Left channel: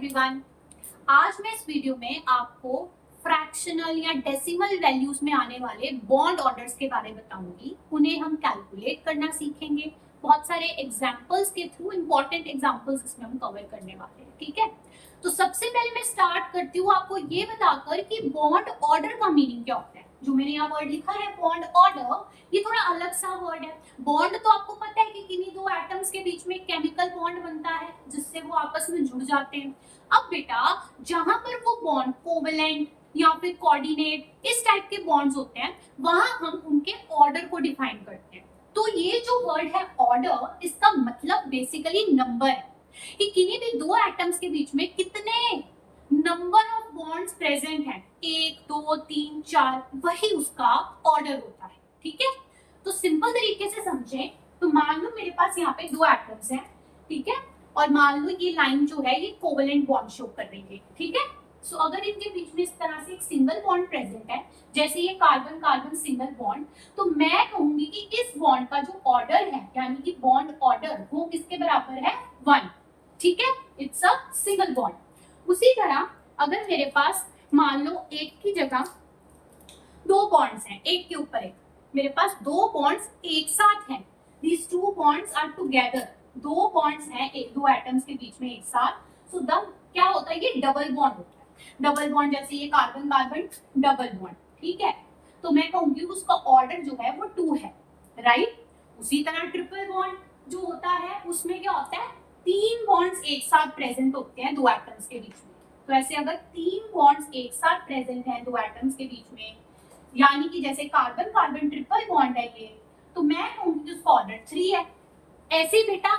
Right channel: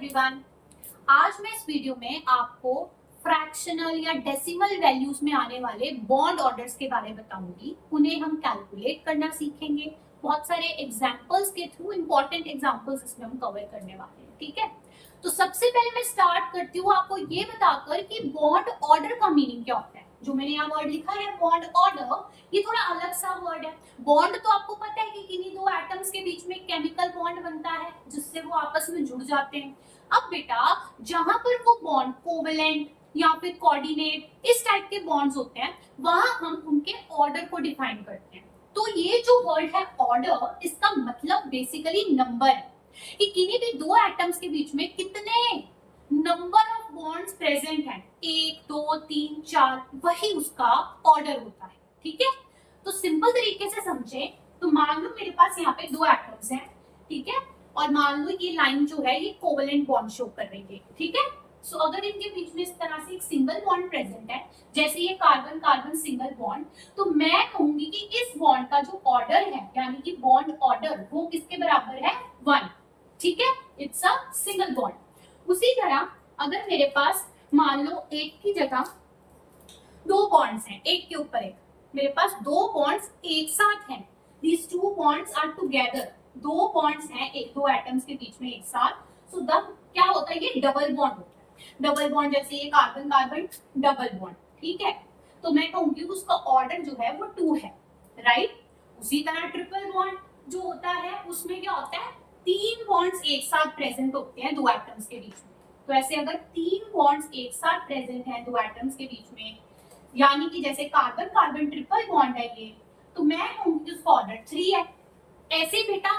Everyone, आज मैं इस वीडियो में आपको फ्रैक्शनल या डेसिमल वैल्यूज में आने वाले बॉन्ड ऑर्डर्स के बारे में बताऊंगी। उन्हें हम कैलकुलेट करना सीखेंगे। बहुत सारे एग्जांपल्स के थ्रू, इंपॉर्टेंट एग्जांपल्स इसमें हम कवर करने वाले हैं। ठीक है, तो सबसे पहले मैं स्टार्ट करती हूँ आपको ये बताकर कि बॉन्ड ऑर्डर का मीनिंग क्या होता है। जो मैंने यहाँ वर्ड लिखा है बॉन्ड ऑर्डर, ये थोड़ा अलग सा वर्ड है। बॉन्ड तो आपको पता है कि किन्हीं दो एटम्स के बीच में केमिकल बॉन्ड बनता है जिससे वो आपस में जुड़ जाते हैं। अब बेटा, जहां पर वो बॉन्ड कोवेलेंट या फिर कोऑर्डिनेट इस टाइप के बॉन्ड्स होते हैं, वहां हम उनके ऑर्डर को डिफाइन करते हैं। तो ये जो वर्ड है ऑर्डर, इसका मतलब बेसिकली नंबर है कि किन्हीं भी दो एटम्स के बीच में कितने नंबर ऑफ बॉन्ड्स प्रेजेंट हैं, 1 2 3 4, वही उसका ऑर्डर होता है। ठीक है, तो सिंपल तरीके से समझें तो मान लो मेरे पास यहाँ पे दो एटम्स हैं, ठीक है, और मान लो ये लाइन जो है ये कोवेलेंट बॉन्ड शो कर रही है। ठीक है, सो अगर इनके बीच में इस तरह से एक सिंगल बॉन्ड प्रेजेंट है, जैसे ये कार्बन कार्बन सिंगल बॉन्ड, तो मैं कहूंगी कि इस बॉन्ड का जो ऑर्डर है, यानी कि बॉन्ड ऑर्डर, वो किसके बराबर है? 1। ठीक है, इट्स अ सिंगल बॉन्ड। उसी तरह अगर मेरे पास मान लो एक की जगह दो बॉन्ड्स हैं, एक के ऊपर एक, मेरे पास दो बॉन्ड्स एक साथ हैं, these two bonds are together, दो बॉन्ड्स हैं एक दो एटम्स के बीच में एक साथ, सो तब क्या होता है? ये डबल बॉन्ड होता है। डबल बॉन्ड जैसे ये कार्बन कार्बन डबल बॉन्ड। ठीक है, तो मैं कहूंगी उसका ऑर्डर जो है वो 2 है, राइट। उसी तरह ट्रिपल बॉन्ड जो होता है उसमें क्या होता है? 3 बॉन्ड्स एक साथ प्रेजेंट होते हैं दो एटम्स के बीच में। तो ऐसे अगर 3 बॉन्ड्स एक साथ प्रेजेंट हैं दो एटम्स के बीच में, यानी कि जैसे कार्बन कार्बन ट्रिपल बॉन्ड है ये, तो मैं कहूंगी उसका ऑर्डर 3 है। ऐसे बेटा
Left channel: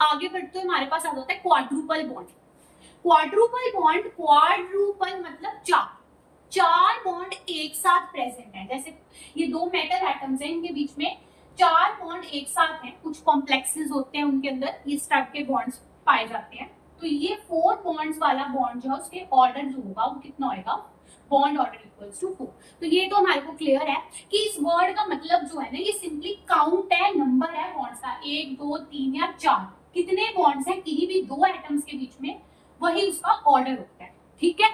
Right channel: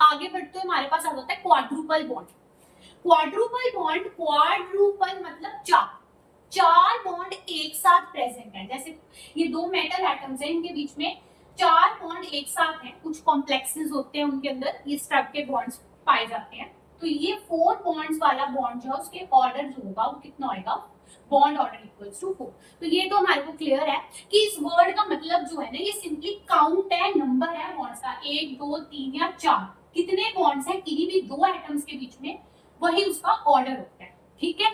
आगे बढ़ते हुए हमारे पास आ जाता है quadruple bond. Quadruple bond, quadruple मतलब 4, 4 बॉन्ड एक साथ प्रेजेंट है। जैसे ये दो मेटल एटम्स हैं, इनके बीच में 4 बॉन्ड एक साथ हैं, कुछ कॉम्प्लेक्सेस होते हैं उनके अंदर, इस टाइप के बॉन्ड्स पाए जाते हैं। तो ये 4 बॉन्ड्स वाला बॉन्ड जो है उसके ऑर्डर जो होगा वो कितना होगा? Bond order equals to 4। तो ये तो हमारे को क्लियर है कि इस वर्ड का मतलब जो है ना, ये सिंपली काउंट है, नंबर है बॉन्ड्स का, 1 2 3 या 4, कितने बॉन्ड्स हैं किन्हीं भी दो एटम्स के बीच में, वही उसका ऑर्डर होता है। ठीक है,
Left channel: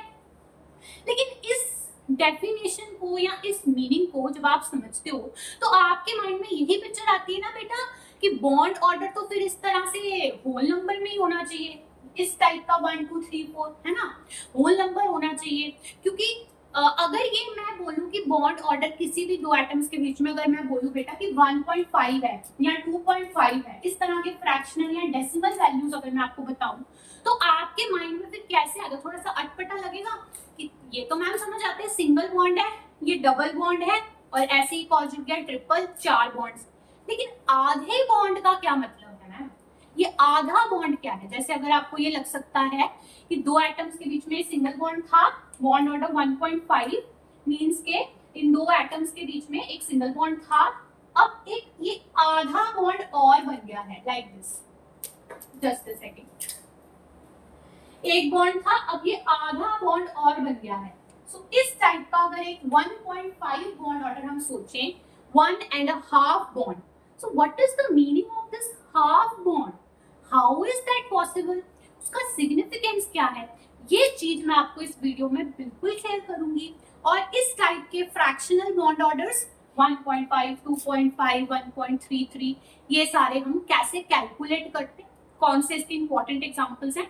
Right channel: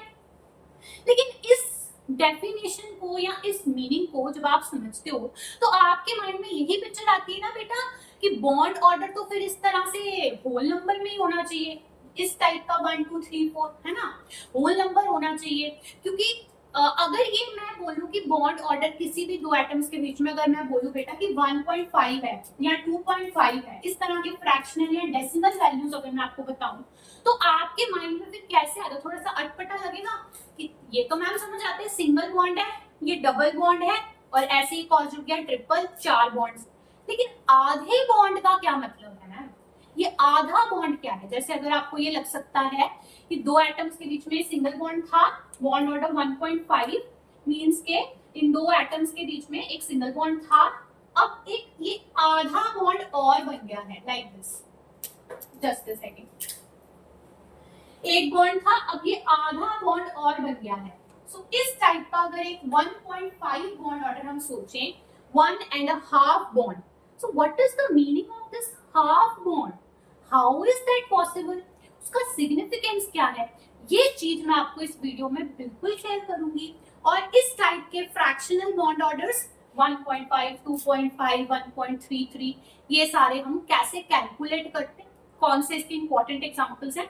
लेकिन इस डेफिनेशन को या इस मीनिंग को जब आप समझते हो तो आपके माइंड में यही पिक्चर आती है ना बेटा कि बॉन्ड ऑर्डर तो फिर इस तरह से होल नंबर में ही होना चाहिए, इस टाइप का 1 2 3 4, है ना, होल नंबर होना चाहिए। क्योंकि अगर ये मैं बोलूं कि बॉन्ड ऑर्डर किसी भी दो एटम्स के बीच में, अगर मैं बोलूं बेटा कि 1.5 है या 2.5 है, इस तरह के फ्रैक्शनल या डेसिमल वैल्यूज अगर मैं आपको बताऊं, तो आपके माइंड में फिर कैसे आएगा? थोड़ा सा अटपटा लगेगा कि ये तो मैम समझ आते हैं सिंगल बॉन्ड है, ये डबल बॉन्ड है, और ऐसे ही कॉल जुड़ गया ट्रिपल, 4 बॉन्ड्स। लेकिन आधे बॉन्ड का क्या मतलब है मैम? ये आधा बॉन्ड क्या है? जैसे अगर आपको ये लग सकता है कि दो एटम्स के बीच में सिंगल बॉन्ड था, बॉन्ड ऑर्डर 1.5 मींस के इन दो एटम्स के बीच में एक सिंगल बॉन्ड था, अब एक ये आधा बॉन्ड और बन गया है, like this. Just a second, एक बॉन्ड था, अब ये आधा बॉन्ड और बन गया है। सो इस टाइप का अगर एक 1.5 बॉन्ड ऑर्डर हम सोचें, 1.5 bond, so what is the meaning of this half bond? How is that possible? उसका सिग्निफिकेंस क्या है? ये चीज मैं आपको इस वीडियो में बिल्कुल शेयर करूंगी। और इस टाइप के फ्रैक्शनल बॉन्ड ऑर्डर्स 1.5 2.5 1.33, ये सारे हम कैसे कैलकुलेट करते हैं, कौन से इसके इंपॉर्टेंट एग्जांपल्स हैं,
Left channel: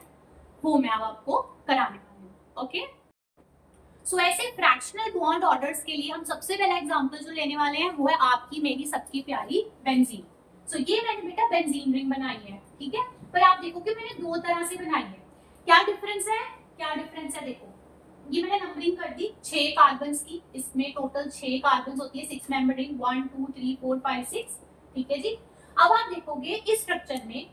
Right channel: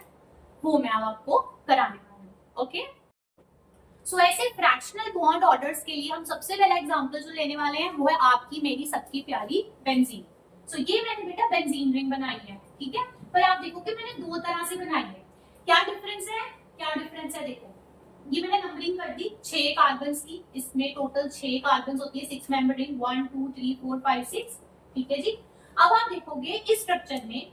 वो मैं अब आपको कराने वाली हूँ। ओके, सो ऐसे फ्रैक्शनल बॉन्ड ऑर्डर्स के लिए हम सबसे पहला एग्जांपल जो लेने वाले हैं वो है आपकी मेरी सबकी प्यारी बेंजीन। सो ये मैंने बेटा बेंजीन रिंग बनाई है, ठीक है, पर आप देखो कि मैंने दो तरह से बनाई है। क्या डिफरेंस है? क्या डिफरेंस है? देखो, ये मैंने नंबरिंग कर दी 6 कार्बन्स की, इसमें टोटल 6 कार्बन्स होती है, 6 मेंबर रिंग, 1 2 3 4 5 6। ठीक है जी, अब आप देखोगे इस स्ट्रक्चर में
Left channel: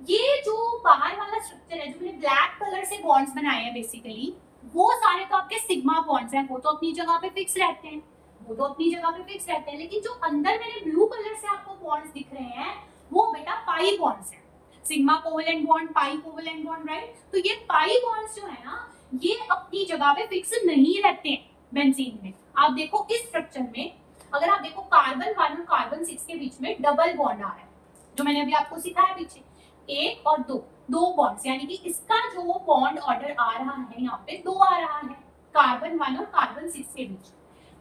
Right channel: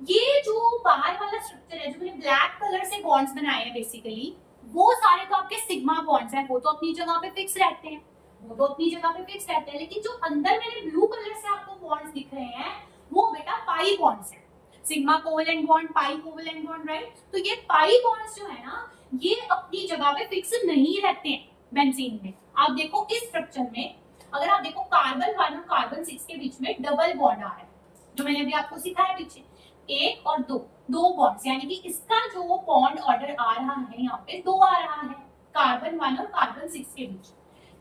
ये जो बाहर वाला स्ट्रक्चर है, जो मैंने ब्लैक कलर से बॉन्ड्स बनाए हैं बेसिकली, वो सारे तो आपके सिग्मा बॉन्ड्स हैं, वो तो अपनी जगह पे फिक्स रहते हैं, वो तो अपनी जगह पे फिक्स रहते हैं। लेकिन जो अंदर मैंने ब्लू कलर से आपको बॉन्ड्स दिख रहे हैं, वो बेटा पाई बॉन्ड्स हैं। सिग्मा कोवेलेंट बॉन्ड, पाई कोवेलेंट बॉन्ड, राइट। तो ये पाई बॉन्ड्स जो है ना, ये अपनी जगह पे फिक्स नहीं रहते हैं बेंजीन में। आप देखो इस स्ट्रक्चर में, अगर आप देखो कार्बन 1 और कार्बन 6 के बीच में डबल बॉन्ड आ रहा है, जो मैंने अभी आपको सिखाया पीछे, एक और दो, दो बॉन्ड्स, यानी कि इसका जो बॉन्ड ऑर्डर आ रहा है यहाँ पे दो आ रहा है, कार्बन 1 और कार्बन 6 के बीच।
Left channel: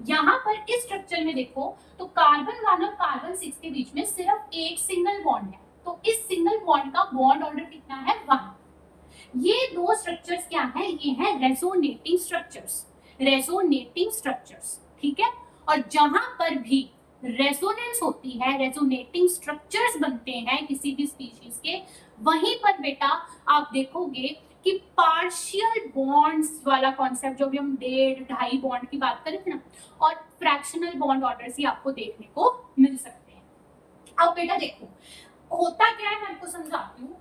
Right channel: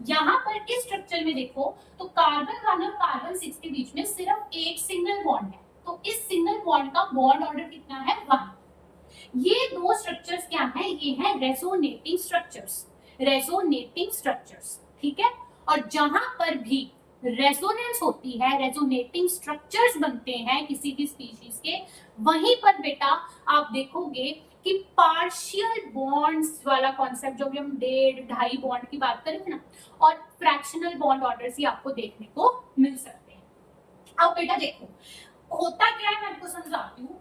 यहाँ पर इस स्ट्रक्चर में देखो तो कार्बन 1 और कार्बन 6 के बीच में सिर्फ एक सिंगल बॉन्ड है, तो इस सिंगल बॉन्ड का बॉन्ड ऑर्डर कितना है 1। ये दो स्ट्रक्चर्स क्या हैं, ये हैं रेजोनेटिंग स्ट्रक्चर्स, रेजोनेटिंग स्ट्रक्चर्स, ठीक है। और जहां पर भी रेजोनेंस होती है, रेजोनेटिंग स्ट्रक्चर्स बनते हैं किसी भी स्पीशीज के, वहीं पर बेटा आप देखोगे कि पार्शियल बॉन्ड्स वाला कॉन्सेप्ट, जो भी हम 1.5 बॉन्ड की बात करें ना, और फ्रैक्शनल बॉन्ड ऑर्डर्स ही आपको देखने को मिल सकते हैं। अब बेटा देखो होता क्या है, मैं आपको समझाती हूँ।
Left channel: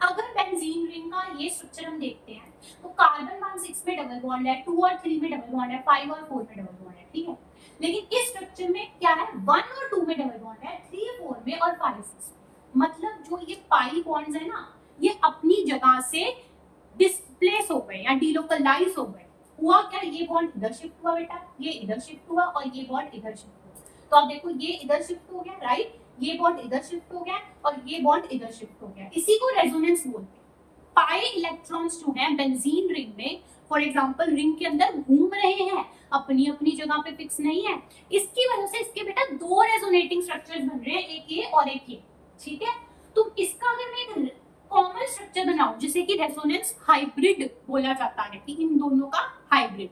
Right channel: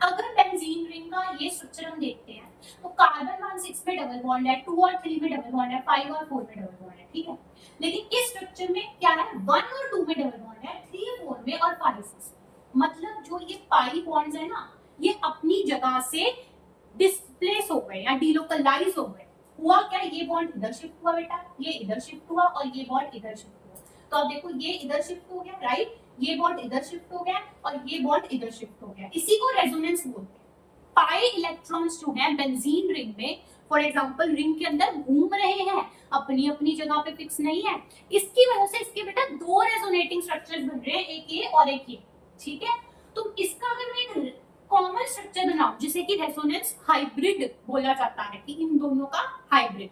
अगर बेंजीन रिंग का ये स्ट्रक्चर हम देखते हैं तो कार्बन 1 6 में डबल बॉन्ड है, 2 और 3 में डबल बॉन्ड है, 5 और 4 में डबल बॉन्ड है, ठीक है। लेकिन इस स्ट्रक्चर में क्या है, 1 और 2 में डबल बॉन्ड है, 3 4 में और 5 6 में। मतलब जो ये पाई बॉन्ड्स है ना, ये अपनी जगह से डिस्प्लेस हो गए या डिलोकलाइज हो गए। हुआ क्या, ये बॉन्ड इधर शिफ्ट हुआ बेटा, ये इधर शिफ्ट हुआ और ये बॉन्ड इधर शिफ्ट हुआ। तो आप देखो ये इधर शिफ्ट हो गया, राइट, ये बॉन्ड इधर शिफ्ट हो गया और ये बॉन्ड इधर शिफ्ट हो गया। इसी को रेजोनेंस बोलते हैं। पाई इलेक्ट्रॉन्स जो है बेंजीन रिंग में, फॉर एग्जांपल रिंग के अंदर घूम रहे हैं, अपनी अपनी जगह पे फिक्स नहीं है, इसकी वजह से इसके बेटा दो रेजोनेटिंग स्ट्रक्चर्स बन रहे हैं, एक ये और एक ये, ठीक है। तो इसका अगर मैं एक कॉमन स्ट्रक्चर बनाऊं जिसे कि रेजोनेंस हाइब्रिड बोला जाता है, कि इन दोनों का हाइब्रिड,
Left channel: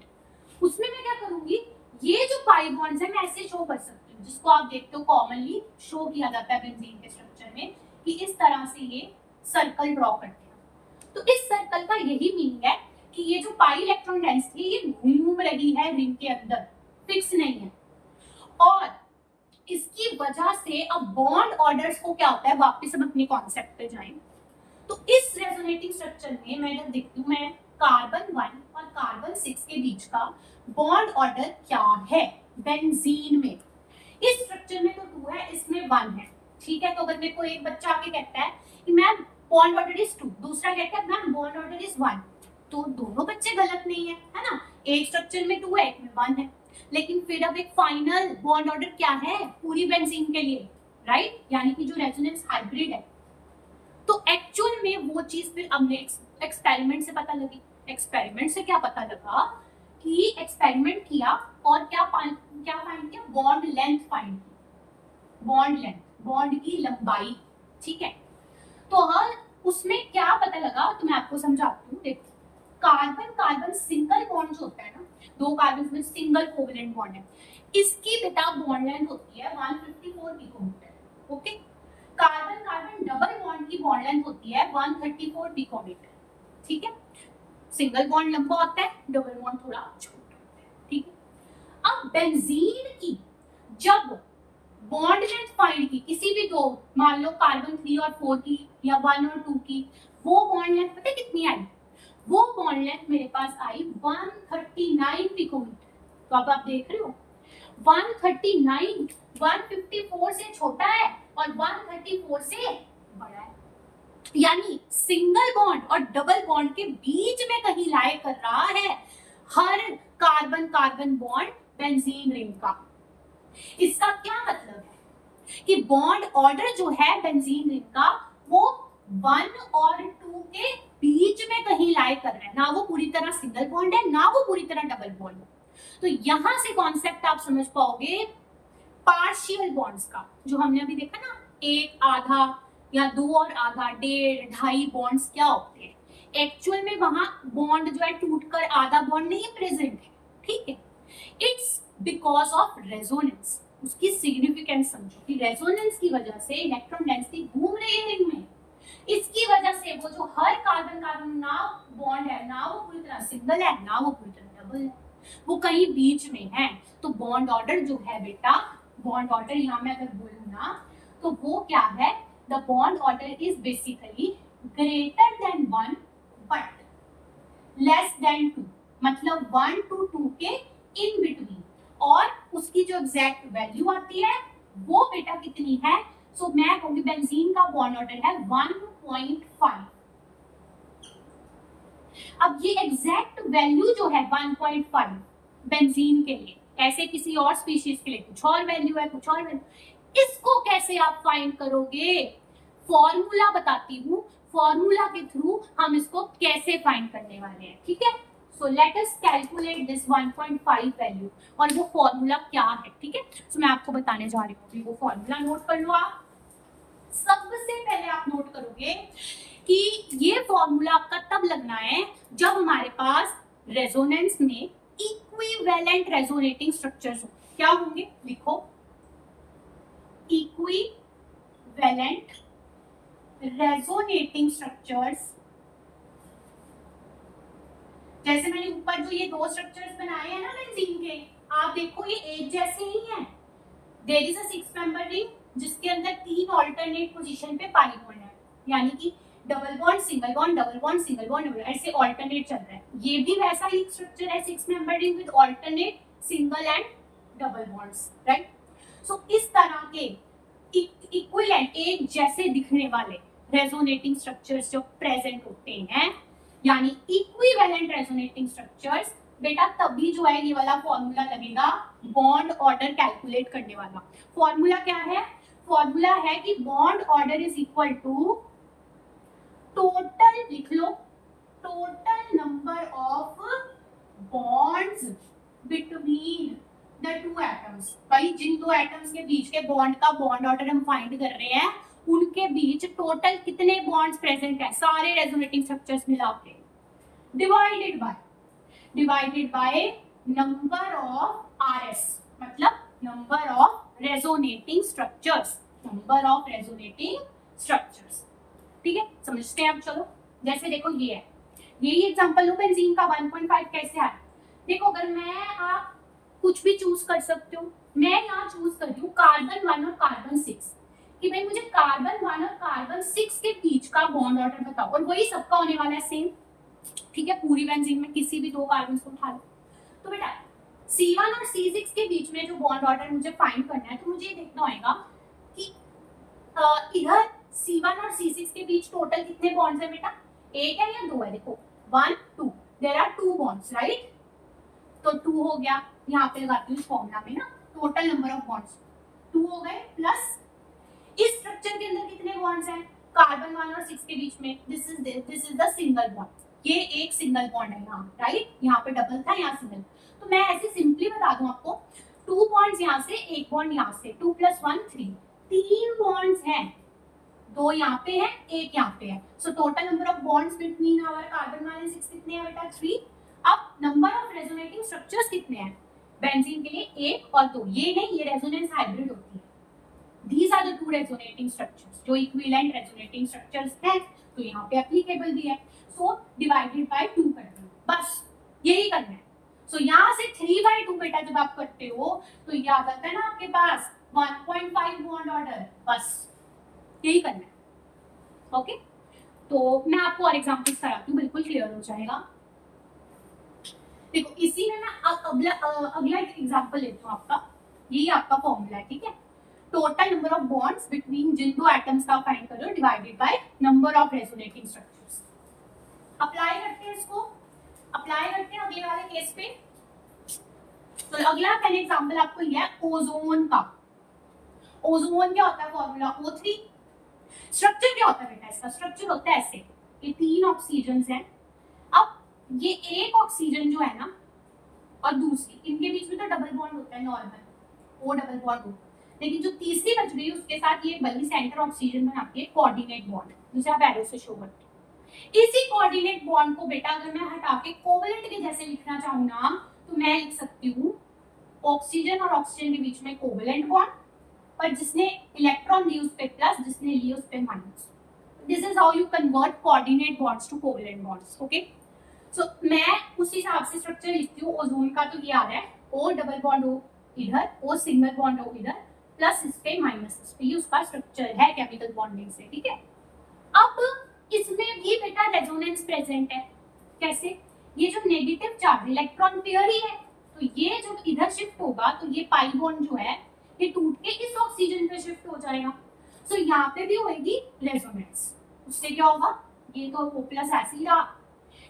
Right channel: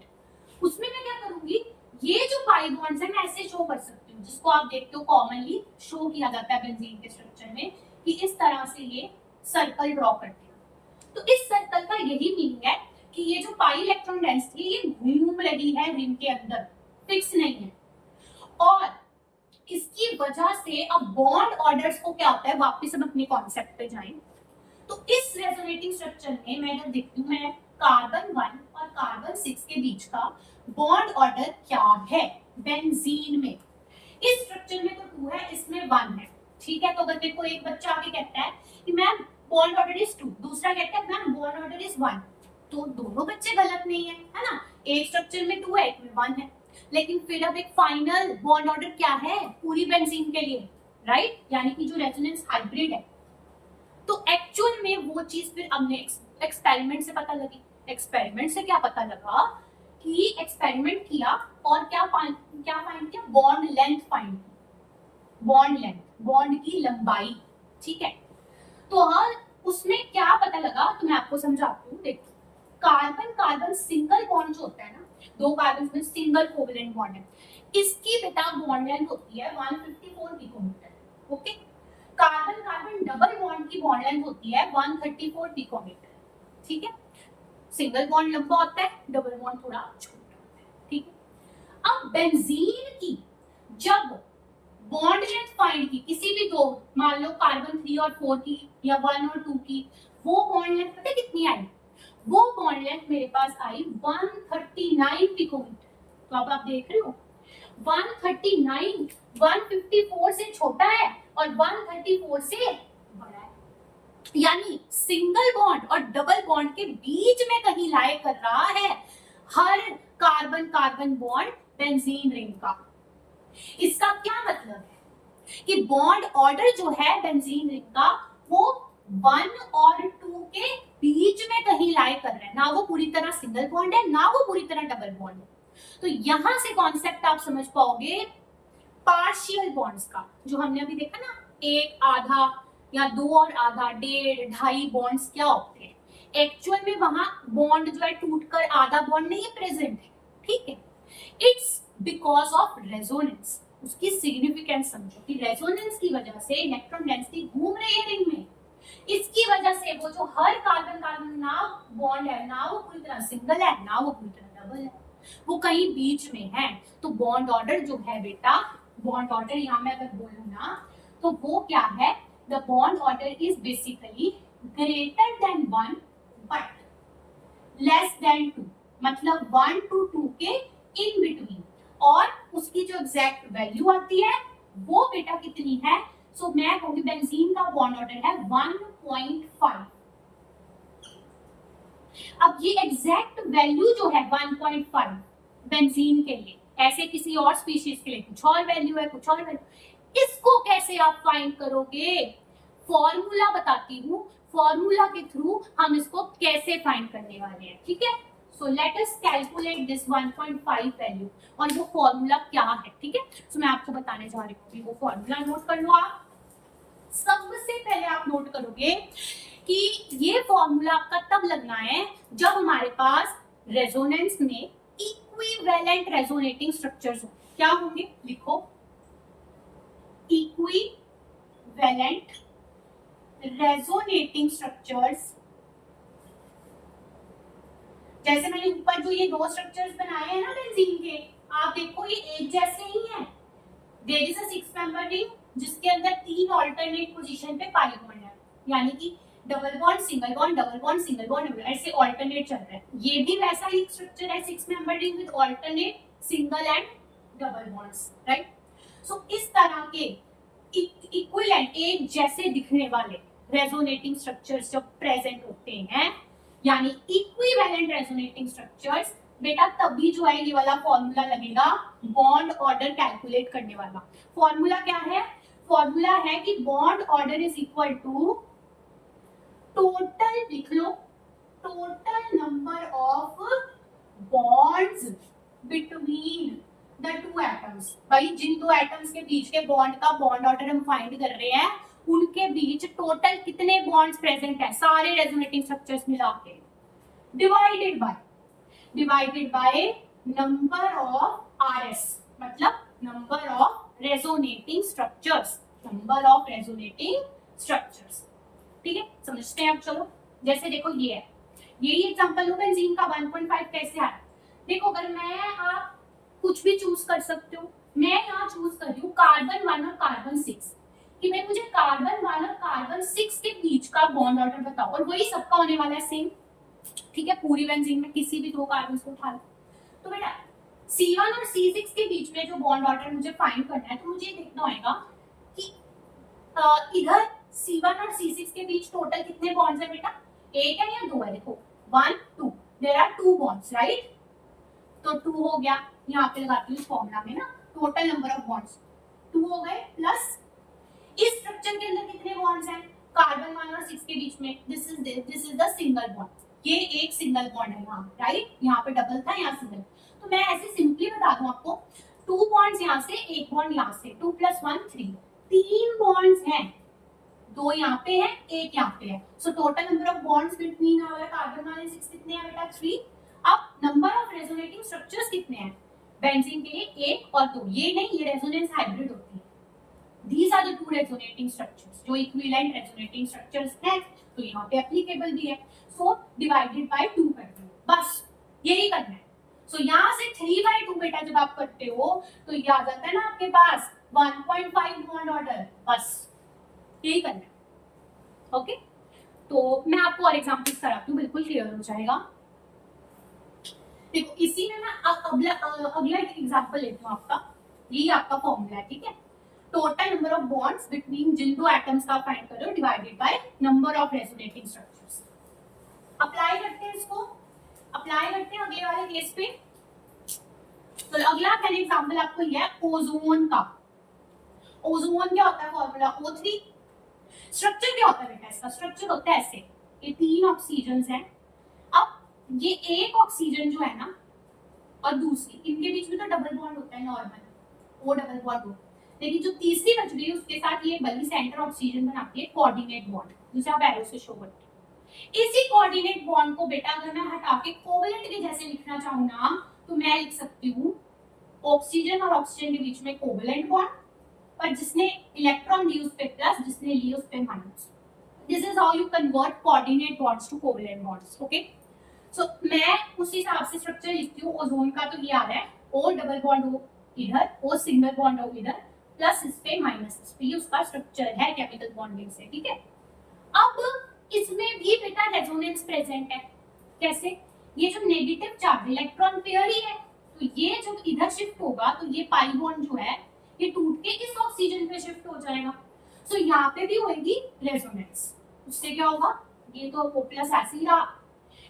उसमें मैं क्या करूंगी, ये जो पाई बॉन्ड्स है मैं ऐसे शो कर सकती हूँ, जिसको आप देखते हो कॉमनली शो किया जाता है बेंजीन के स्ट्रक्चर में, कि इस तरह से ये सर्कल ड्रॉ करते हैं। तो इस सर्कल का यही मीनिंग है कि ये जो पाई इलेक्ट्रॉन डेंसिटी ये घूम रही है रिंग के अंदर, फिक्स नहीं है। और इसकी वजह से अब बॉन्ड ऑर्डर्स को क्या होता है, वापस हम अपने कॉन्सेप्ट पे जाएं, तो इस रेजोनेटिंग स्ट्रक्चर में मैं जब देखती हूँ मैं कार्बन 1 और कार्बन 6 के बीच का बॉन्ड ऑर्डर क्या है बेंजीन में। इस स्ट्रक्चर में तो 2 है, इसमें 1 है, ठीक है। तो अगर मेरे को एक बच्चा आके कहता है कि मैम बॉन्ड ऑर्डर इज 2, दूसरा कहता है मैम बॉन्ड ऑर्डर इज 1, तो दोनों बच्चे गलत नहीं है ना। एक स्ट्रक्चर में 2 है, एक में 1 है, लेकिन फिर अब एक फाइनल बॉन्ड ऑर्डर क्या है पूरी बेंजीन के लिए, राइट, यानी कि जो रेजोनेंस हाइब्रिड है। तो एक्चुअल में वो चीज फिर हमने एक्सपेरिमेंट से पता लगी। एक्सपेरिमेंट से क्या पता लगा कि एक्सपेरिमेंट किया और क्या फाइंड किया, बॉन्ड लेंथ फाइंड की, बॉन्ड लेंथ, बॉन्ड की लंबाई, ठीक है। तो हर उसमें क्या पता लगा, तो मैं आपको समझाती हूँ। देखो कार्बन कार्बन सिंगल बॉन्ड जो होता है ना, दो कार्बन में सिंगल कोवेलेंट बॉन्ड है, इसकी बेटा बॉन्ड लेंथ होती है 154 picometre, okay. Carbon carbon double bond की बॉन्ड लेंथ होती है 134 पिकोमीटर, ठीक है। सिंगल बॉन्ड लंबा होता है, डबल बॉन्ड थोड़ा छोटा होता है, ठीक है। अब बेंजीन की जब बॉन्ड लेंथ फाइंड की किसी भी दो, मान लो कार्बन 3 और 4 की या 1 और 2 की, वो बॉन्ड लेंथ पता कितनी आई, वो बॉन्ड लेंथ मेरे पास आई 139 पिकोमीटर। तो अब आप देख रहे हो 139 154 से छोटा है और 134 से बड़ा है, यानी सिंगल बॉन्ड और डबल बॉन्ड के बीच में कहीं लाई कर रहा है हर carbon carbon bond benzene ring का। इसका क्या मतलब है कि बॉन्ड ऑर्डर जो है बेंजीन रिंग का वो 1 और 2 के बीच में कहीं लाई कर रहा है, ना वो पूरी तरह सिंगल बॉन्ड है ना वो पूरी तरह डबल बॉन्ड है। तो यहां से कॉन्सेप्ट आप समझ पाओगे पार्शियल बॉन्ड्स का, जो हमने अभी देखा ना, एक आधा या 2 और आधा, 1.5 2.5 बॉन्ड्स क्या होते हैं, एक्चुअल में वहां बॉन्ड जो है टूटकर आधा बॉन्ड नहीं प्रेजेंट है, ठीक है। It's because of resonance. उसकी सिग्निफिकेंस समझो कि रेजोनेंस की वजह से इलेक्ट्रॉन डेंसिटी घूम रही है रिंग में, इसकी वजह से वो जो हर कार्बन कार्बन ना बॉन्ड है, ना वो पूरी तरह सिंगल है ना वो पूरी तरह डबल है, वो कहीं बीच में है। तो बॉन्ड ऑर्डर जो है बेटा, बॉन्ड ऑर्डर यहाँ मैं अगर बोलूँ ना तो वो क्या है, the bond order is basically greater than 1 but less than 2, मतलब 1 to 2 के इन बिटवीन, और उसकी जो एग्जैक्ट वैल्यू आती है वो बेटा कितनी है, सो मैं कहूंगी बेंजीन का बॉन्ड ऑर्डर है 1.5। अब ये एग्जैक्ट वैल्यू जो है 1.5 बेंजीन के लिए, ऐसे किसी और स्पीशीज के लिए कुछ और वैल्यू है, कुछ और वैल्यू, इसको कैसे आप फाइंड करोगे, फॉर्मूला बताती हूँ, फॉर्मूला के थ्रू हम इसको कैसे फाइंड करने वाले हैं, ठीक है। So let us calculate this 1.5 value, और वो फॉर्मूला क्या है, ठीक है। सो मैं आपको बताने जा रही हूँ, वो फॉर्मूला नोट कर लो आप। सबसे पहले आप नोट करोगे कि ये फॉर्मूला आपका तब लगना है जब हमारे पास रेजोनेंस में इक्विवेलेंट रेजोनेटिंग स्ट्रक्चर्स हो। क्या होंगे, लिखो, इक्विवेलेंट रेजोनेटिंग स्ट्रक्चर्स। जैसे मैंने ऊपर जो ये दो स्ट्रक्चर्स बनाए हैं ना बेंजीन के, आप देखो ये एक जैसे ही हैं। There is a 6 member ring जिसके अंदर 3 ऑल्टरनेट पोजीशन पे पाई बॉन्ड है, यानी कि double bond single bond double bond single bond, ऐसे ऑल्टरनेट चल रहा है। ये भी वैसा ही स्ट्रक्चर है, 6 member ring with alternate single and double bonds, right. So इस तरह के इक्विवेलेंट एक जैसे दिखने वाले रेजोनेटिंग स्ट्रक्चर्स जो प्रेजेंट होते हैं, यानी इक्विवेलेंट रेजोनेटिंग स्ट्रक्चर्स, बेटा तभी जो है ये वाला फॉर्मूला लगेगा बॉन्ड ऑर्डर कैलकुलेट करने वाला। फॉर्मूला क्या है, फॉर्मूला है कि bond order is equal to total, लिख लो, total number of bonds between the two atoms. भाई जिन दो एटम्स के बीच के बॉन्ड का बॉन्ड ऑर्डर हम फाइंड कर रहे हैं, उनके बीच टोटल कितने बॉन्ड्स प्रेजेंट है सारे रेजोनेटिंग स्ट्रक्चर्स मिला के, divided by number of RS, मतलब number of resonating structures, number of resonating structures, ठीक है। समझते हैं अब, चलो। जैसे देखो ये है, यही एग्जांपल लो बेंजीन का 1.5 कैसे आया। देखो अगर मैं, आप कुछ भी चूज कर सकते हो, मैं यहाँ चूज कर रही हूँ कार्बन 1 और कार्बन 6 कि भाई मुझे कार्बन 1 और कार्बन 6 के बीच का बॉन्ड ऑर्डर बताओ, और वही सबका होने वाला है सेम, ठीक है। पूरी बेंजीन में किसी भी दो कार्बन को उठा लो। तो बेटा C1 और C6 के बीच में जो बॉन्ड ऑर्डर मुझे फाइंड करना है, तो मुझे ये देखना होगा कि इधर C1 और C6 के बीच टोटल कितने बॉन्ड्स है बेटा, एक है या दो है। देखो 1 2, देयर आर 2 बॉन्ड्स, राइट। तो 2 हो गया, यहाँ पे लगाती हूँ फॉर्मूला में ना, टोटल नंबर ऑफ बॉन्ड्स 2 हो गए, प्लस इस स्ट्रक्चर के अंदर कितने बॉन्ड्स हैं कार्बन 1 और 6 के बीच में, this is the single bond, ये एक सिंगल बॉन्ड है यहाँ, राइट। यहाँ पे डबल था, यहाँ सिंगल। तो मैं ऐसे सिंपली बता दूं आपको, 2 बॉन्ड्स यहाँ से, एक बॉन्ड यहाँ से, 2 + 1 3, 3 बॉन्ड्स हैं, 2 यहाँ पे है, एक यहाँ पे है। So total number of bonds between our carbon 1 and 6 कितने हैं बेटा, 3। अब नंबर ऑफ रेजोनेटिंग स्ट्रक्चर्स कितने हैं बेंजीन के लिए, 1 और 2। ये नहीं, ये रेजोनेंस हाइब्रिड होती है। These are the two resonating structures, जो equivalent resonating structures हैं, तो यहाँ पे applicable भी है। So divided by 2 करते हो, बस यही करना है। So यहाँ से 3/2 बेटा जब आप करते हो तो ये आ जाता है ना आपके पास 1.5 बॉन्ड ऑर्डर, बस यही करना है, ओके। तो मैं आपको और एग्जांपल्स कराती हूँ, बिल्कुल क्लियर हो जाएगा। देखो इसी में मैं अगला एक एग्जांपल लेती हूँ आपका, यही आपका फॉर्मूला है, ठीक है। Total number of bonds between जिन दो एटम्स का फाइंड करो divided by number of resonating structures. Apply करते हैं इसको, अप्लाई करते हैं अगले वाले केस पे। तो अगला पहले एग्जांपल आपको ये है ओजोन का। ओजोन क्या होता है, फॉर्मूला O3। स्ट्रक्चर क्या होता है बेटा इसका, स्ट्रक्चर होता है ऐसे, ये 3 ऑक्सीजन हैं। अब ये एक ऑक्सीजन जो है ना और दूसरी, इनके बीच में तो डबल बॉन्ड होता है नॉर्मल, O डबल बॉन्ड हो, लेकिन जो तीसरी बच गई उसके साथ ये बल्कि सेंटर ऑक्सीजन बनाती है कोऑर्डिनेट बॉन्ड, जिसे आप एरो से शो करते हैं। इसी कोऑर्डिनेट बॉन्ड को बेटा अगर मैं हटा के कोवेलेंट के जैसे लिखना चाहूँ ना, तो मैं लिख सकती हूँ ऑक्सीजन और ऑक्सीजन के बीच में कोवेलेंट बॉन्ड, और जिसने इलेक्ट्रॉन ली उस पे प्लस, जिसने ली उस पे minus. This is how you convert coordinate bonds to covalent bonds, okay. So मैं उस हिसाब से स्ट्रक्चर लिखती हूँ। ओजोन का तो ये आ रहा है O डबल बॉन्ड O इधर, O सिंगल बॉन्ड O इधर, प्लस इस पे माइनस इस पे, ये उसका स्ट्रक्चर है केमिकल बॉन्डिंग से, ठीक है। अब इसमें भी बेटा रेजोनेंस प्रेजेंट है, कैसे, ये जो नेगेटिव चार्ज इलेक्ट्रॉन पेयर ही है, तो ये जब इधर शिफ्ट होगा तो ये पाई बॉन्ड जो है ये टूट के इस ऑक्सीजन पे शिफ्ट हो जाएगा। सो यहाँ पे भी होगी रेजोनेंस, उससे क्या होगा, ये तो O प्लस ऐसे ही रहा,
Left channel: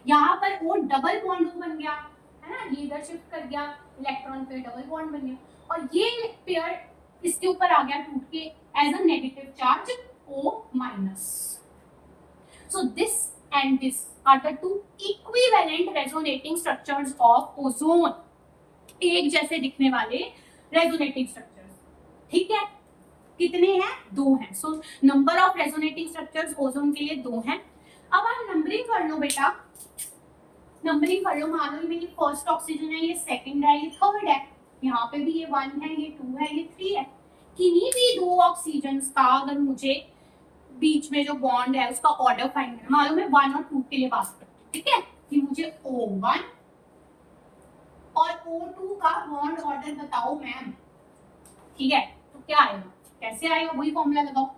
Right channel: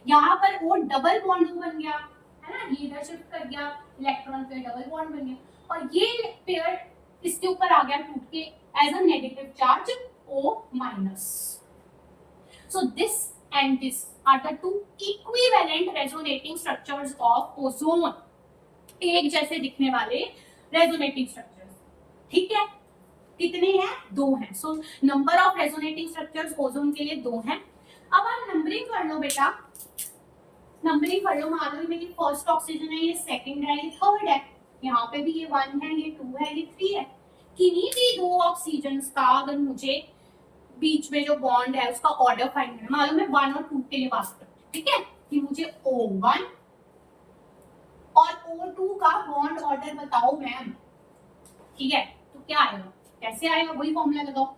यहाँ पर O डबल बॉन्ड बन गया है ना, ये इधर शिफ्ट कर गया, इलेक्ट्रॉन पे डबल बॉन्ड बन गया, और ये पेयर इसके ऊपर आ गया टूट के as a negative charge O-। Minus. So this and this are the two equivalent resonating structures of ozone. एक जैसे दिखने वाले resonating structures. ठीक है, कितने हैं? 2 हैं. So number of resonating structures ozone के लिए 2 हैं. अब आप नंबरिंग कर लो बेटा, नंबरिंग कर लो. मान लो ये फर्स्ट ऑक्सीजन है, ये सेकंड है, ये थर्ड है, यहाँ पे भी ये 1 है, ये 2 है, ये 3 है. किन्हीं भी 2 ऑक्सीजन का अगर मुझे बीच में जो बॉन्ड है उसका ऑर्डर फाइंड करना, मान लो मैं 1 और 2 के लिए बात करती हूँ, ठीक है, कि मुझे O1 और O2 का बॉन्ड ऑर्डर बताओ मैम. ठीक है, तो क्या आएगा, कैसे आएगा, वही फॉर्मूला लगाओ.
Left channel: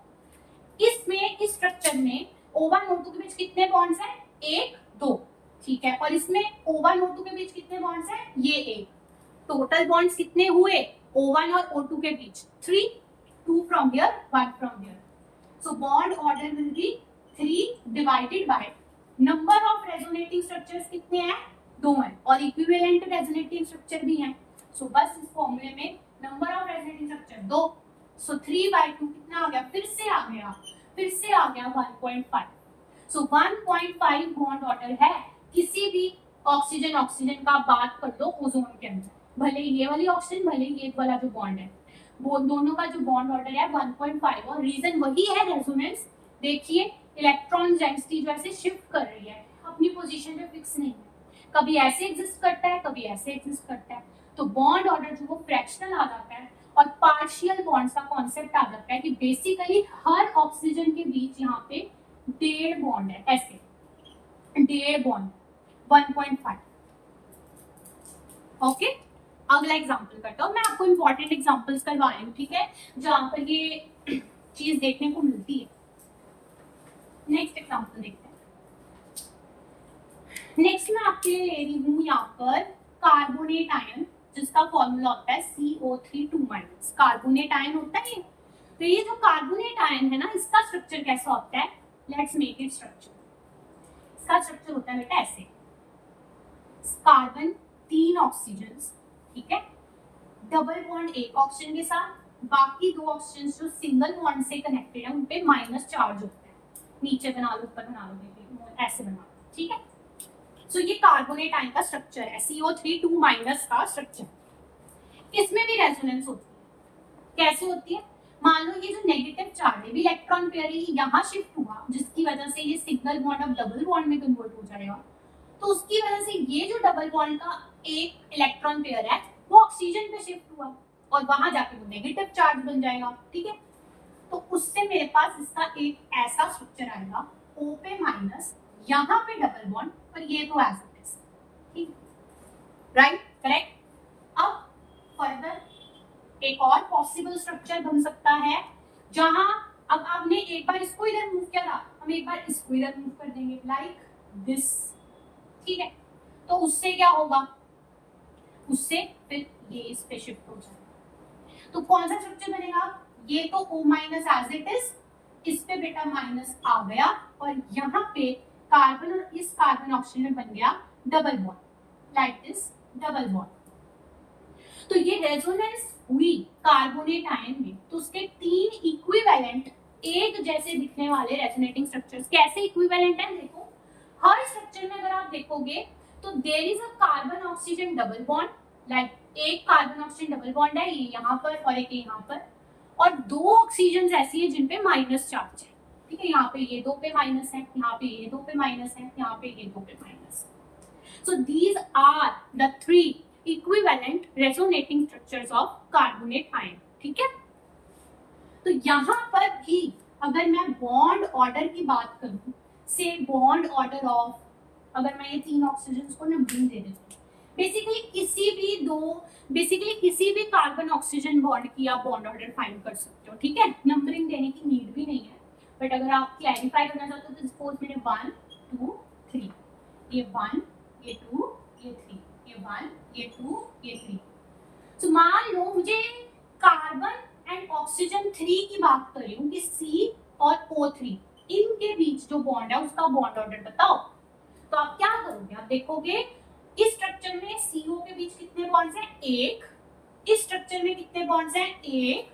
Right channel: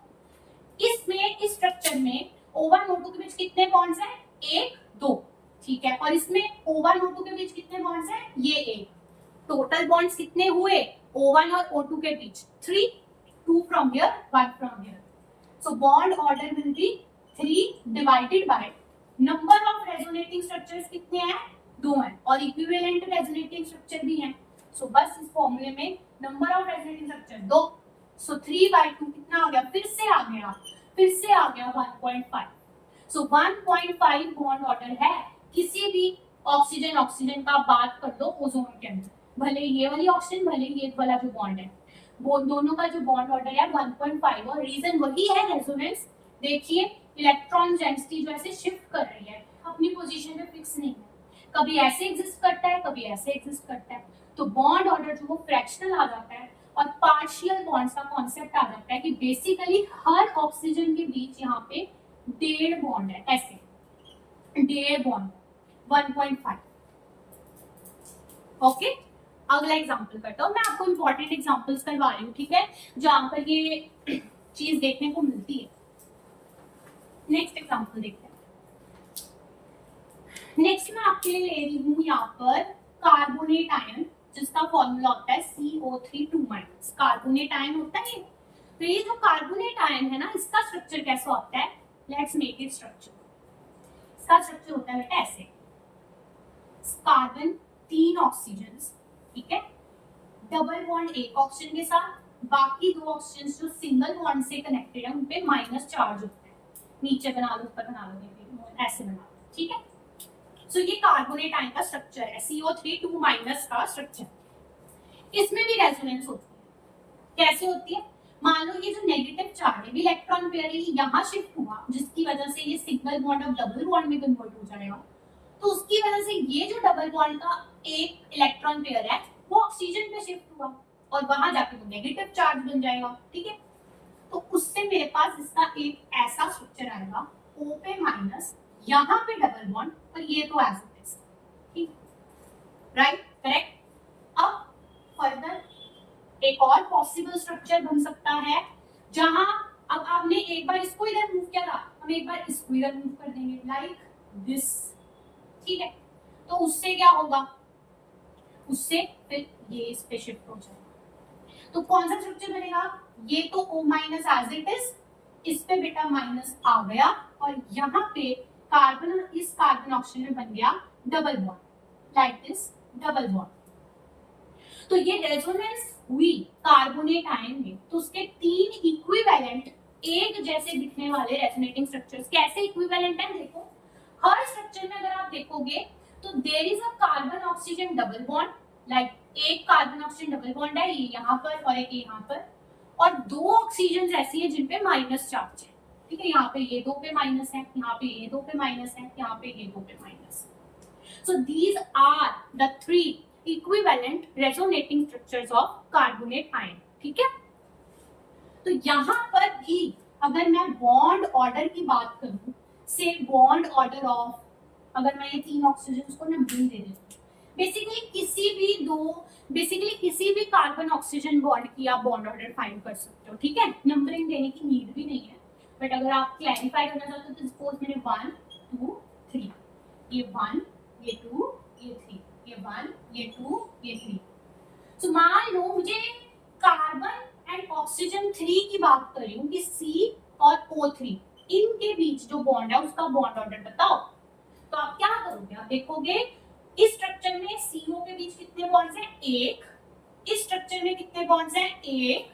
इसमें इस स्ट्रक्चर में O1 O2 के बीच कितने बॉन्ड्स हैं? 1 2. ठीक है, और इसमें O1 O2 के बीच कितने बॉन्ड्स हैं? ये 1. टोटल बॉन्ड्स कितने हुए O1 और O2 के बीच? 3. 2 from here, 1 from here. So bond order will be 3 divided by number of resonating structures कितने हैं? 2 हैं, और equivalent resonating structure भी हैं. So बस इस फॉर्मूले में number of resonating structure 2. So 3/2 कितना आ गया? फिर से आ गया 1.5. So 1.5 bond order है. किसी भी ऑक्सीजन का बात कर लो ओजोन के अंदर, भले ये वाली ऑक्सीजन भले ये वाला जो बॉन्ड है, वो दोनों का जो बॉन्ड ऑर्डर है 1.5. और रीजन वही है रेजोनेंस. देखिए इलेक्ट्रॉन डेंसिटी जो ऐसे शिफ्ट कर रही है, अपनी पोजीशन पे फिक्स नहीं है, कभी ऐसे एग्जिस्ट करता है, कभी ऐसे एग्जिस्ट करता है. तो बॉन्ड ऑर्डर जो वो फ्रैक्शनल आ जाता है, और पार्शियल बॉन्ड्स का कॉन्सेप्ट आ जाता है कि बेसिकली हर ऑक्सीजन के बीच यहाँ पे 1.5 बॉन्ड है, ऐसे 1.5 बॉन्ड 1.5. ओके, अगला एग्जांपल करता हूँ. मैं आपको इंपॉर्टेंट एग्जांपल्स करवा रही हूँ, ठीक है, जहां पर ये चीज देखने को मिलती है. नेक्स्ट एग्जांपल देखते हैं. नेक्स्ट मैं आपके लिए ले रही हूँ यहाँ पर कार्बोनेट आयन, जिसका फॉर्मूला होता है CO3 2-. कार्बोनेट आयन होता है. तो ये जो कार्बोनेट आयन है ना, इसका स्ट्रक्चर कैसा होता है? Let's make it structure. इसका स्ट्रक्चर होता है बेटा ऐसे, कार्बन 3 ऑक्सीजन, ठीक है, डबल बॉन्ड एक ऑक्सीजन के साथ, बाकी 2 ऑक्सीजन जो सिंगल बॉन्ड से कनेक्टेड है उन पे माइनस चार्ज होता है. नीचे बना लो, ऊपर बना लो, ऐसे बना लो. ठीक है, सो ये कार्बोनेट आयन का स्ट्रक्चर है, CO3 2- का स्ट्रक्चर. इसमें भी रेजोनेंस होती है. कैसे होती है? मान लो ये जो नेगेटिव चार्ज है, इलेक्ट्रॉन पेयर यहाँ शिफ्ट हुआ, जिसकी वजह से ये सिंगल बॉन्ड अब डबल बॉन्ड में कन्वर्ट हो जाएगा. तो उसकी वजह से ये जो डबल बॉन्ड का एक इलेक्ट्रॉन पेयर है वो ऑक्सीजन पे शिफ्ट हुआ, और वहां जाके वो नेगेटिव चार्ज बन जाएगा. ठीक है, तो उससे मेरे पास इसका एक ऐसा स्ट्रक्चर आएगा, O पे माइनस, यहाँ पे डबल बॉन्ड, और ये तो एज इट इज. ठीक, राइट, करेक्ट. अब फर्दर एक और पॉसिबल स्ट्रक्चर बन सकता है, जहां अब आपने एक बार इसको इधर मूव किया था, हम एक बार इसको इधर मूव कर देंगे, लाइक दिस. ठीक है, तो उससे क्या होगा? उससे फिर ये इस पे शिफ्ट हो जाएगा. तो कौन सा स्ट्रक्चर बनेगा? ये तो O- एज इट इज, इस पे बेटा माइनस आ गया, और यहाँ पे कार्बन और इस कार्बन ऑक्सीजन में बन गया double bond, like this double bond. तो ये रेजोनेंस हुई कार्बोनेट आयन में, तो उसके 3 इक्विवेलेंट एक जैसे दिखने वाले रेजोनेटिंग स्ट्रक्चर्स. कैसे इक्विवेलेंट है? देखो, हर स्ट्रक्चर में अगर आप देखोगे तो there is a carbon oxygen double bond, like एक कार्बन ऑक्सीजन डबल बॉन्ड है, ये यहाँ पर और एक यहाँ पर, और 2 ऑक्सीजन ऐसी है जिन पे माइनस चार्ज है. ठीक है, यहाँ पे ये 2 पे माइनस है, यहाँ पे ये 2 पे माइनस है, यहाँ पे ये 2 पे माइनस है. So these are the 3 equivalent resonating structures of carbonate ion. ठीक है, तो यहाँ पर भी अगर मैं बॉन्ड ऑर्डर की बात करूं, से बॉन्ड ऑर्डर ऑफ, अगर मैं ये 3 ऑक्सीजन को ना बी दे देती हूँ, बेसिकली किसी भी कार्बन ऑक्सीजन बॉन्ड की आप बॉन्ड ऑर्डर फाइंड कर सकते हो. ठीक है, नंबरिंग देने की नीड भी नहीं है, बट अगर आप क्लैरिफाई करना चाहते हो तो सपोज मैंने 1 2 3, ये 1 ये 2 ये 3, ये 1 ये 2 ये 3. तो मान लो मुझे कार्बन एंड ऑक्सीजन 3 की बात कर रही हूँ कि C और O3 इनके बीच जो बॉन्ड है उसका बॉन्ड ऑर्डर बताओ. तो आप क्या करोगे? आप देखोगे इस स्ट्रक्चर में CO के बीच कितने बॉन्ड्स हैं? 1. इस स्ट्रक्चर में कितने बॉन्ड्स हैं? 1.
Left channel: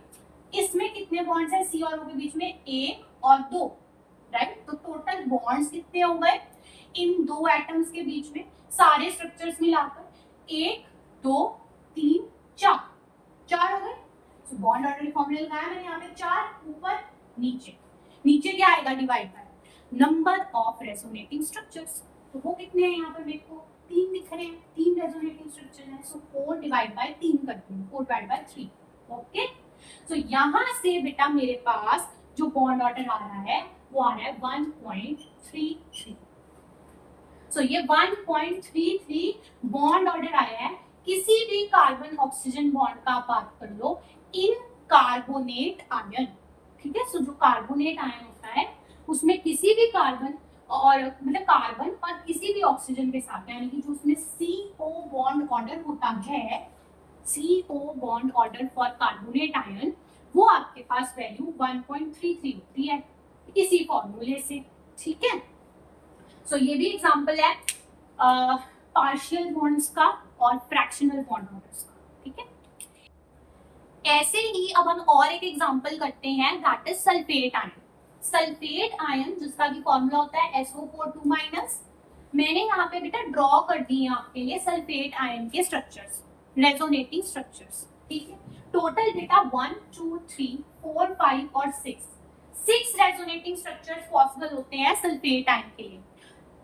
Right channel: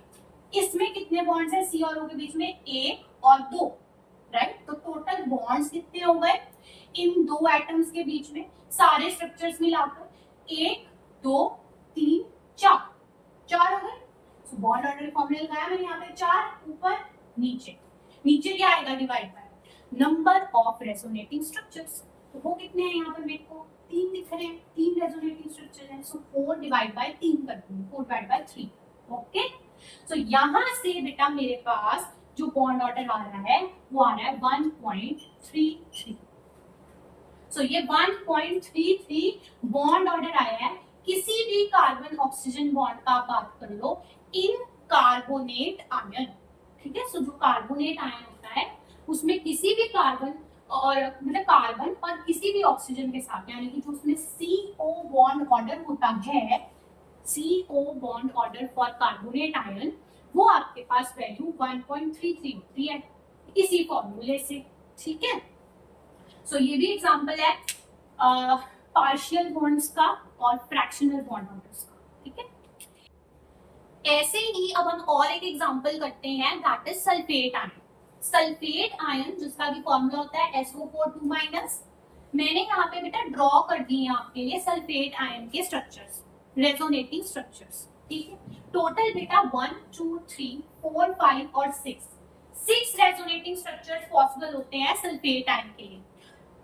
इसमें कितने बॉन्ड्स हैं C और O के बीच में? 1 और 2. राइट। तो टोटल बॉन्ड्स कितने हो गए इन दो एटम्स के बीच में, सारे स्ट्रक्चर्स मिलाकर? 1 2 3 4, 4 हो गए। तो बॉन्ड ऑर्डर फॉर्मूला लगाया मैंने यहाँ पे 4, ऊपर नीचे, नीचे क्या आएगा? Divide by number of resonating structures. तो वो कितने हैं यहाँ पे? मेरे को 3 दिख रहे हैं, 3 रेजोनेटिंग स्ट्रक्चर हैं। सो 4 डिवाइड बाय 3 करती हूँ, 4 डिवाइड बाय 3। ओके, तो यहाँ से बेटा मेरे पास जो बॉन्ड ऑर्डर आ रहा है वो आ रहा है 1.33। सो ये 1.33 बॉन्ड ऑर्डर आया है। किसी भी कार्बन ऑक्सीजन बॉन्ड का आप बात कर लो इन कार्बोनेट आयन, ठीक है। सो जो कार्बोनेट आयन होता है उसमें किसी भी कार्बन और मतलब कार्बन और किसी भी ऑक्सीजन के साथ, यानी कि जो उसमें CO बॉन्ड ऑर्डर होता है, CO bond order for carbonate ion, वो आपके पास वैल्यू 1.33 होती है इसी फॉर्मूले से, ठीक है। सो ये भी एग्जांपल है पार्शियल बॉन्ड्स का और फ्रैक्शनल बॉन्ड ऑर्डर्स का, ठीक है। ऐसे ही अब हम और एक एग्जांपल करते हैं, that is sulphate ion. Sulphate ion जिसका भी फॉर्मूला होता है SO4 2-। मैंने यहाँ पे बेटा ड्रॉ कर दिए हैं आपके लिए सल्फेट आयन के स्ट्रक्चर्स, रेजोनेटिंग स्ट्रक्चर्स, ठीक है। टोटल बेटा 1 2 3 4 5 और 6 रेजोनेटिंग स्ट्रक्चर्स पॉसिबल होते हैं सल्फेट आयन के लिए।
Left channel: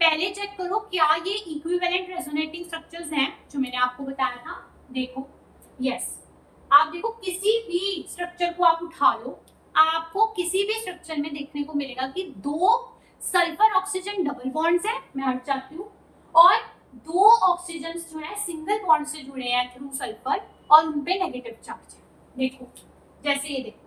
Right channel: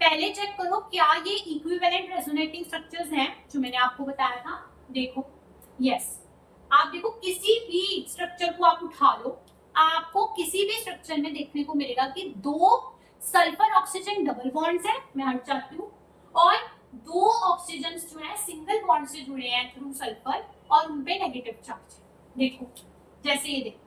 पहले चेक करो क्या ये इक्विवेलेंट रेजोनेटिंग स्ट्रक्चर्स हैं जो मैंने आपको बताया था। देखो, यस, आप देखो किसी भी स्ट्रक्चर को आप उठा लो, आपको किसी भी स्ट्रक्चर में देखने को मिलेगा कि 2 सल्फर ऑक्सीजन डबल बॉन्ड्स हैं, मैं हट जाती हूँ, और 2 ऑक्सीजन जो है सिंगल बॉन्ड से जुड़े हैं थ्रू सल्फर और उन पे नेगेटिव चार्ज है। देखो जैसे ये देखो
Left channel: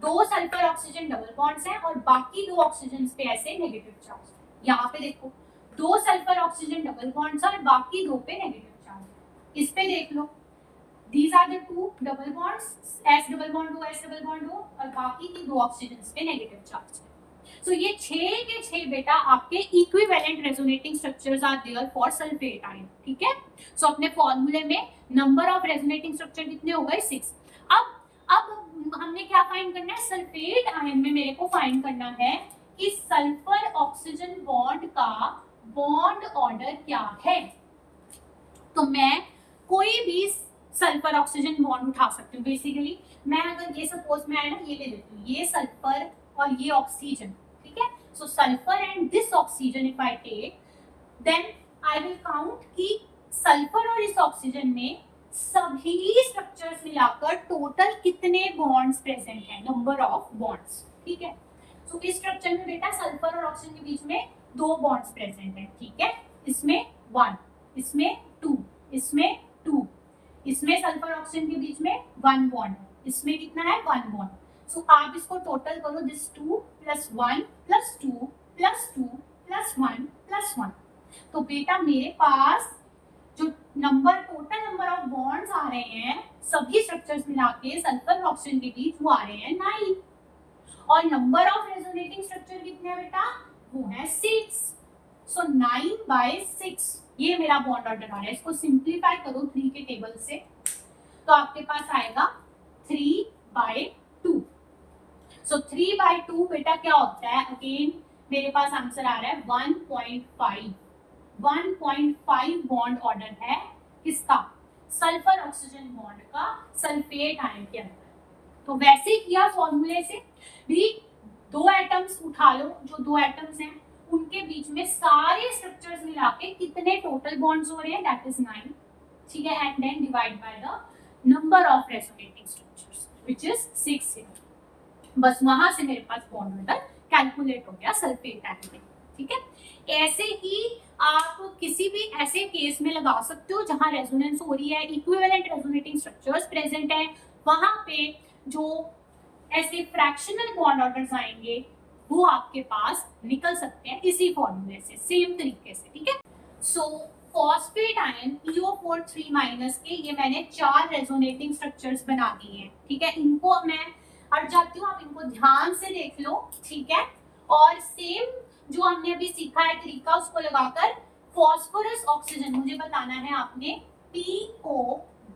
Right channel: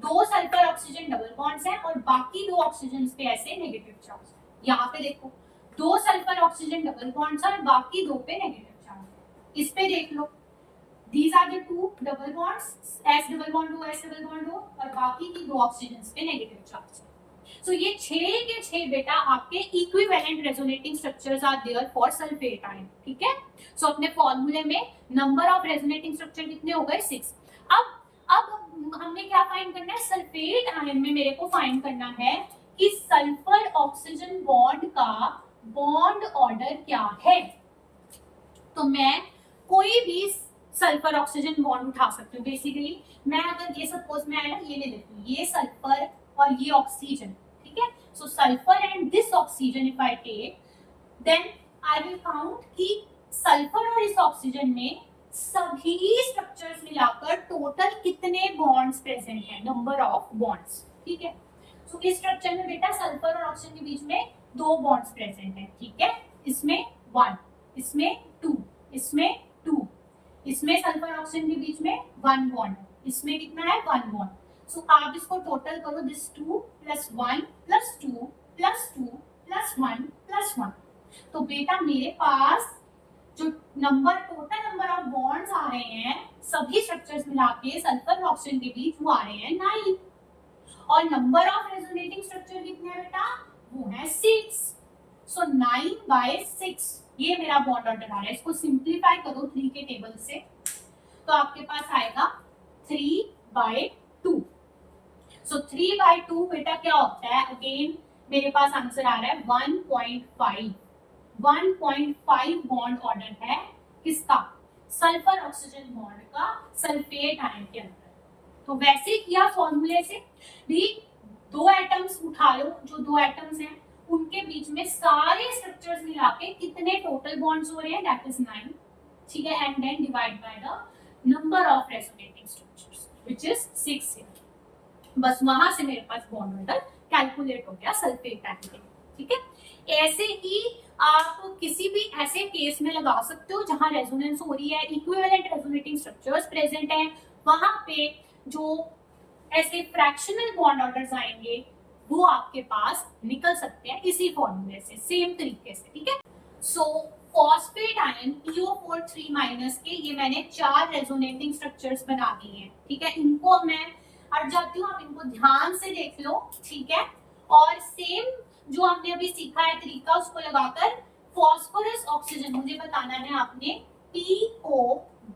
2 सल्फर ऑक्सीजन डबल बॉन्ड्स हैं और बाकी 2 ऑक्सीजन पे ऐसे नेगेटिव चार्ज। यहाँ पे देखो 2 सल्फर ऑक्सीजन डबल बॉन्ड्स और बाकी 2 पे नेगेटिव चार्ज। इस पे देख लो, these are the 2 double bonds, S double bond O, S double bond O, और बाकी की 2 ऑक्सीजन पे नेगेटिव चार्ज है। सो ये 6 के 6 बेटा आपके equivalent resonating structures are there for sulphate ion, ठीक है। सो अपने फॉर्मूले में नंबर ऑफ रेजोनेटिंग स्ट्रक्चर कितने हो गए? 6। अब हमने क्या फाइंड करना है? सल्फेट आयन में मेरे को फाइंड करना है कि सल्फर ऑक्सीजन बॉन्ड का बॉन्ड ऑर्डर क्या है। तो मैं कोई भी सल्फर ऑक्सीजन बॉन्ड उठा सकती हूँ। बेसिकली मैं अगर ये सपोज मैं ना ये ले लेती हूँ, ये सल्फर और ये ऑक्सीजन, ठीक है। So sulphur and this oxygen if I take, then I will count कि सल्फर और इस ऑक्सीजन में सभी स्ट्रक्चर्स मिलाकर टोटल कितने बॉन्ड्स प्रेजेंट हैं, नंबर ऑफ बॉन्ड्स, ठीक है। सो इस स्ट्रक्चर में बेटा सल्फर और ऑक्सीजन के बीच में 2 बॉन्ड्स प्रेजेंट हैं, ठीक है। इसमें 1, इसमें 2, इसमें 2, इसमें सल्फर ऑक्सीजन के बीच में 1 बॉन्ड, इसमें कितना है? 1 बॉन्ड। सो आप इसको टोटल करो, दिस 2 + 1 + 2 + 2 + 1 + 1। तो बेटा मेरे पास जो टोटल नंबर ऑफ बॉन्ड्स आ रहे हैं सभी स्ट्रक्चर्स मिला के सल्फर और ऑक्सीजन के बीच, वो आ रहे हैं 9। और नंबर ऑफ रेजोनेटिंग स्ट्रक्चर कितने हैं बेटा? वो है 6। सो 9/6 ये मेरा बॉन्ड ऑर्डर आ रहा है। इसको सिंप्लीफाई करो 3 के टेबल से, तो आपके पास आएगा 3/2। सो 3/2 बेटा क्या होता है? अगेन मेरे पास आंसर आ रहा है 1.5। 1.5 बॉन्ड ऑर्डर है किसका? सल्फर ऑक्सीजन बॉन्ड का सल्फेट आयन के अंदर। तो वैसे किया फॉर्मूले से भी 2 एटम्स उठा लो, जो 2 एटम्स हैं उनके बीच में सारे स्ट्रक्चर्स मिला के कितने टोटल बॉन्ड्स हो रहे हैं? दैट इज 9, ठीक है। And then divide by the number of resonating structures which is 6। बस वहां से मेरे पास बॉन्ड ऑर्डर कैलकुलेट हो गया सल्फेट आयन के, ठीक है। ऐसे ही आप किसी भी ऐसे केस में लगा सकते हो जहां रेजोनेंस हो रही है, इक्विवेलेंट रेजोनेटिंग स्ट्रक्चर्स प्रेजेंट है, वहां पे जो ऐसे फ्रैक्शनल बॉन्ड ऑर्डर्स आएंगे वो आपके पास निकल सकते हैं इसी फॉर्मूले से, सेम तरीके से, ठीक है। सो फॉस्फेट आयन PO4 3- के ये मैंने 4 रेजोनेटिंग स्ट्रक्चर्स बना दिए हैं, ठीक है। इनको मैं हट जाती हूँ, आप इनको ध्यान से देख लो, ठीक है। और सेम जो हमने अभी सीखा है तरीका, उसको लगाकर फॉस्फोरस ऑक्सीजन मुझे बताना है आपने PO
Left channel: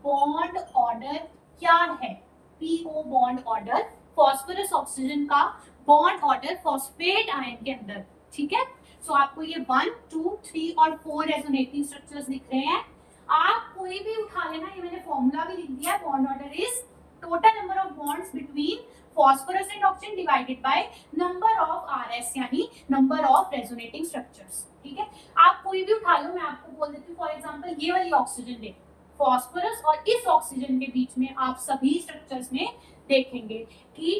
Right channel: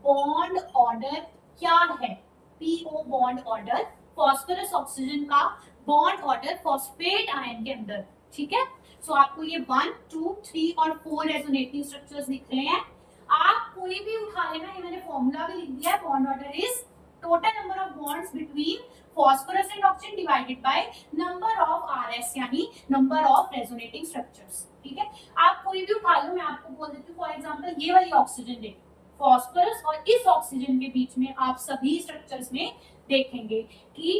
बॉन्ड ऑर्डर क्या है। PO bond order phosphorus oxygen का बॉन्ड ऑर्डर फॉस्फेट आयन के अंदर, ठीक है। सो आपको ये 1, 2, 3 और 4 रेजोनेटिंग स्ट्रक्चर्स दिख रहे हैं। आप कोई भी उठा लेना, ये मैंने फॉर्मूला भी लिख दिया है, bond order is total number of bonds between phosphorus and oxygen divided by number of RS यानी number of resonating structures, ठीक है। आप कोई भी उठा लो, मैं आपको बोल देती हूँ फॉर एग्जांपल ये वाली ऑक्सीजन ले, फॉस्फोरस और इस ऑक्सीजन के बीच में आप सभी स्ट्रक्चर्स में देखेंगे कि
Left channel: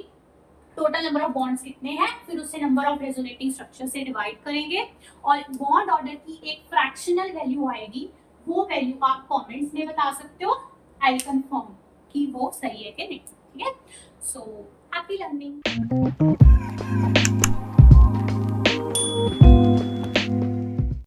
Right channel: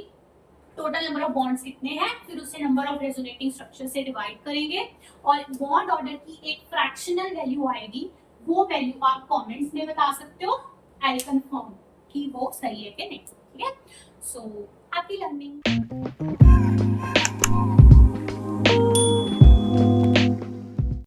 टोटल नंबर ऑफ बॉन्ड्स कितने हैं, फिर उसे नंबर ऑफ रेजोनेटिंग स्ट्रक्चर से डिवाइड करेंगे और बॉन्ड ऑर्डर की एक फ्रैक्शनल वैल्यू आएगी, वो वैल्यू आप कमेंट्स में बता सकते हो, आई विल कंफर्म कि वो सही है कि नहीं, ठीक है। So happy learning.